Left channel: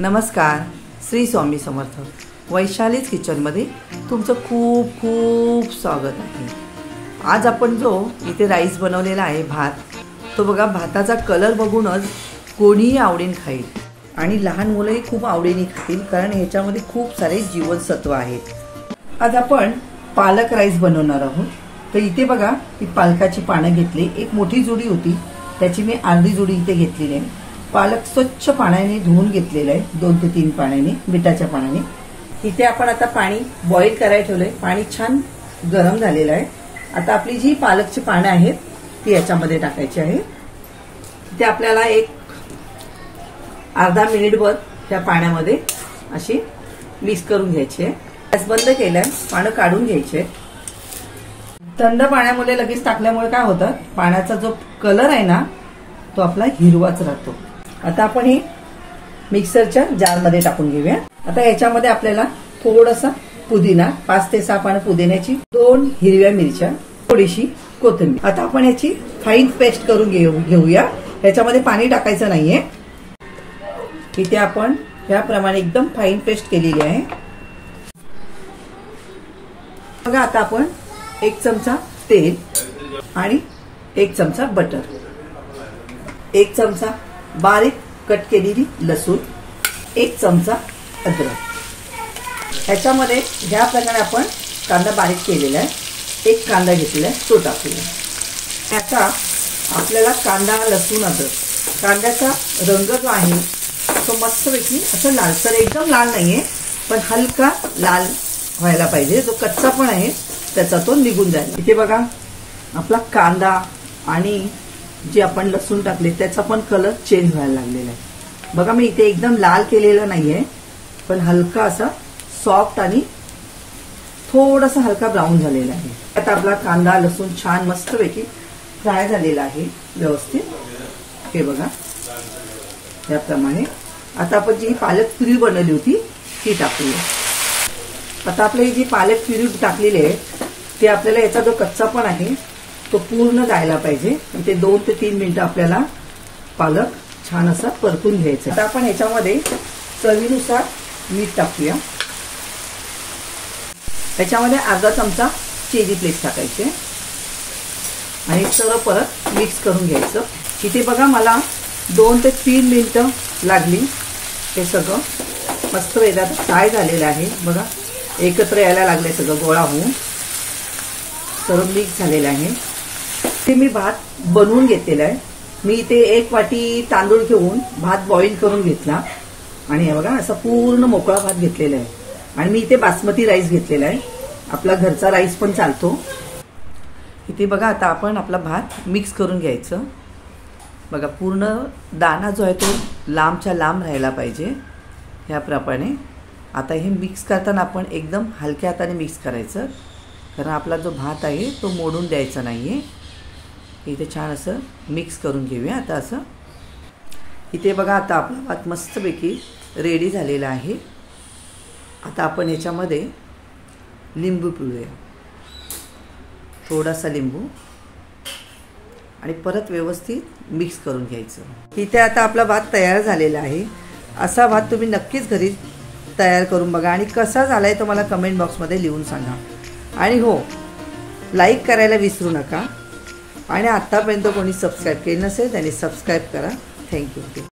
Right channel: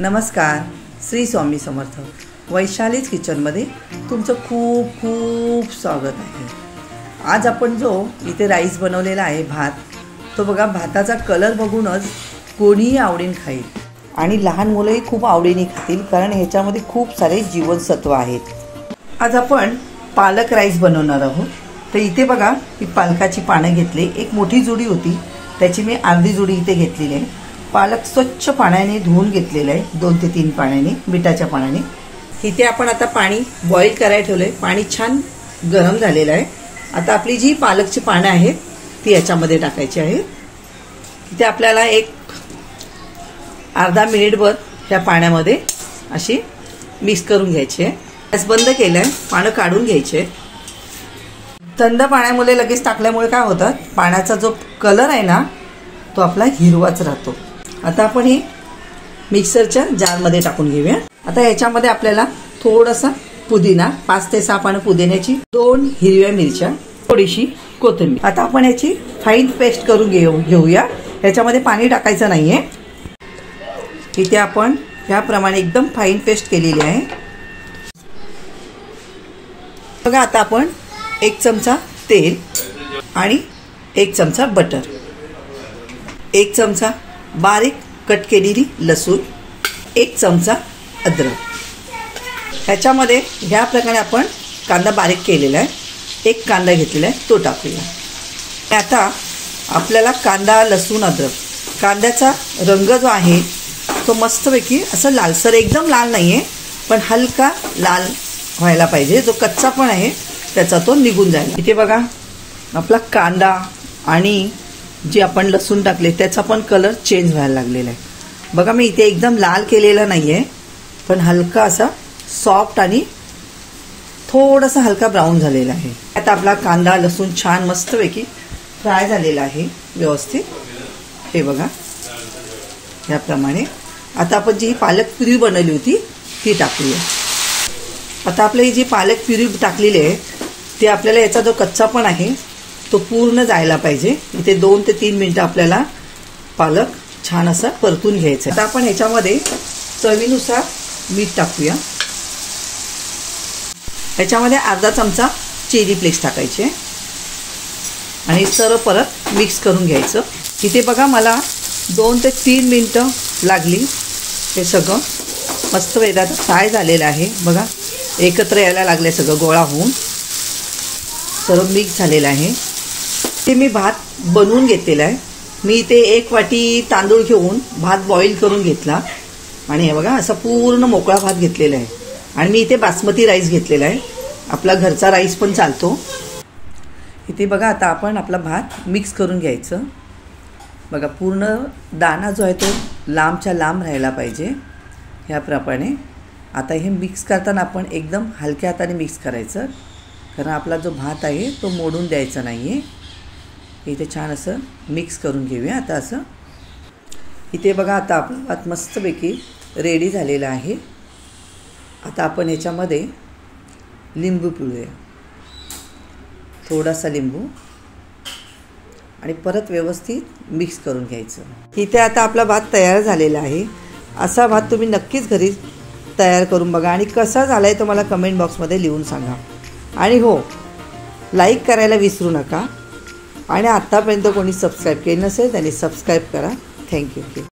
नमस्कार, श्री स्वामी समर्थ। वैशालीज किचनमध्ये तुमचं खूप खूप स्वागत आहे। आज आपण जो इथे राईस बनवलेला आहे, भात, तो बघा, भाताचा कलर बघूनच कोणीही आवडीने खाईल आणि लहान मुलंही खूप आवडीने खातील, कारण ह्याच्यामध्ये खूप सारे जीवनसत्व आहेत। आज आपण पालक राईस बनवणार आहोत। तर इथे बघा, ही पालकाची पानं घेतली, एक मोठी जुडी होती, त्याची मी अर्धी जुडी इथे घेतलेली आहे। पालक स्वच्छ पाण्याने धुवून घेतलेला आहे, 2 ते 3 पाण्याने, मिठाच्या पाण्याने। इथे आपण आता पाणी बॉईल करायला ठेवलंय, पाणी छान गरम झालेलं आहे। आता आपली जी पालकची पानं आहेत ती याच्यामध्ये टाकायची आहे। इथे आपल्याला एक अर्धा मिनिटभर ह्या पाण्यामध्ये अशी मिक्स करून घ्यायची आहे। गॅस बंद केलाय, पानं काढून घ्यायचे। थंड पाण्यामध्ये लगेच टाकल्यामुळे काय होतं, पाण्याचा जो कलर आहे ना तो आपला हिरवाच राहतो। आता आपण ही मिक्सरच्या जारमध्ये टाकून घेऊया। आता याच्यामध्ये आपल्याला थोडासा पुदिना, 5 ते 6 पानं पुदिन्याची, 2 हिरव्या मिरच्या, थोडीशी कोथिंबीर। आता आपण याची फाईन पेस्ट करून घेऊया। याच्यामध्ये पाणी टाकायचं नाहीये। इथे आपण ह्याप्रमाणे एकदम फाईन पेस्ट केलेली आहे। बघा, आता आपण 1 चमचा तेल आणि 1 चमचा बटर, 1 चमचा बारीक कट केलेली लसूण, 1 चमचा अद्रक। ह्याच्यामध्ये ह्या प्रकारे आपण कांदा बारीक केलेला आहे, 1 कांदा घेतलेला आहे, तो टाकूया। आता आपल्याला कांदा, लसूण, अद्रक, कांद्याचा रंग जो आहे तो मस्तपैकी असं लालसर, एकदम लाल नाहीये, पण हलका लाल व्हायला पाहिजे। जो कच्चा पण आहे त्याचा तो निघून जाईल। इथे बघा, आपला कांदा आणि जे आपण लसूण टाकले त्याचा पण कलर चेंज व्हायला लागलेला आहे। बघा, मी इथे एकदम लाल केलेला नाहीये, पण हलका असा सॉफ्ट आणि थोडासा हलका ब्राऊन झालेला आहे। आता आपला कांदा, लसूण छान मस्तपैकी फ्राय झालेला आहे व्यवस्थित। हे बघा, याप्रमाणे आता आपण जी पालक प्युरी बनवली होती ती टाकूया। आता आपले ही जी पालक प्युरी टाकलेली आहे ते आपल्याला याचा जो कच्चा पण आहे तो पूर्ण जायला पाहिजे। इथे 2 ते 3 मिनिटं आपल्याला पालक छान असं परतून घ्यायचं। आता आपण ह्याच्यामध्ये चवीनुसार मीठ टाकूया। त्याच्यामध्ये अर्धा चमचा चिली फ्लेक्स टाकायचे आणि सर्व परत मिक्स करून घ्यायचं। इथे बघा, मला 2 ते 3 मिनिटं लागली। हे सगळं मस्त वेगात फ्राय झालेलं आहे। बघा, एकत्र यायला लागले, सगळं गोळा होऊन सर्व मिक्स झालेलं आहे। ते मी भात बनवून घेतलेला आहे। मी इथे 1 वाटी तांदूळ घेऊन भात बॉईल करून घेतला आणि हे बघा, असा पूर्ण मोकळा भात घेतलेला आहे। आणि मी इथे बासमती राईस घेतलेला आहे, आपला घरचा राईस पण चालतो। इथे बघा, आता आपण आपला भात मिक्स करून घ्यायचं। बघा, पूर्ण दाणा जो आहे तो लांबच्या लांब राहायला पाहिजे, ह्याप्रमाणे। आता हे मिक्स करताना आपण एकदम हलक्या हाताने मिक्स करायचं, कारण आपला जो भात आहे तो मोडून द्यायचा नाहीये। इथे छान असं मिक्स करून घेऊया। आता असं इथे बघा, आता आपला भात मस्तपैकी रेडी झालेला आहे। आता आपण याच्यामध्ये लिंबू पिळूया, थोडासा लिंबू, आणि परत व्यवस्थित मिक्स करून घ्यायचं। इथे आता आपला भात तयार झालेला आहे। असा भात तुम्ही नक्कीच घरी तयार करून बघा आणि कसा झालाय तो मला कमेंट बॉक्समध्ये लिहून सांगा। आणि हो, लाईक करायला विसरू नका। आणि आतापर्यंत कोणी सबस्क्राईब केलं नसेल त्यांनी सबस्क्राईब करा। थँक्यू।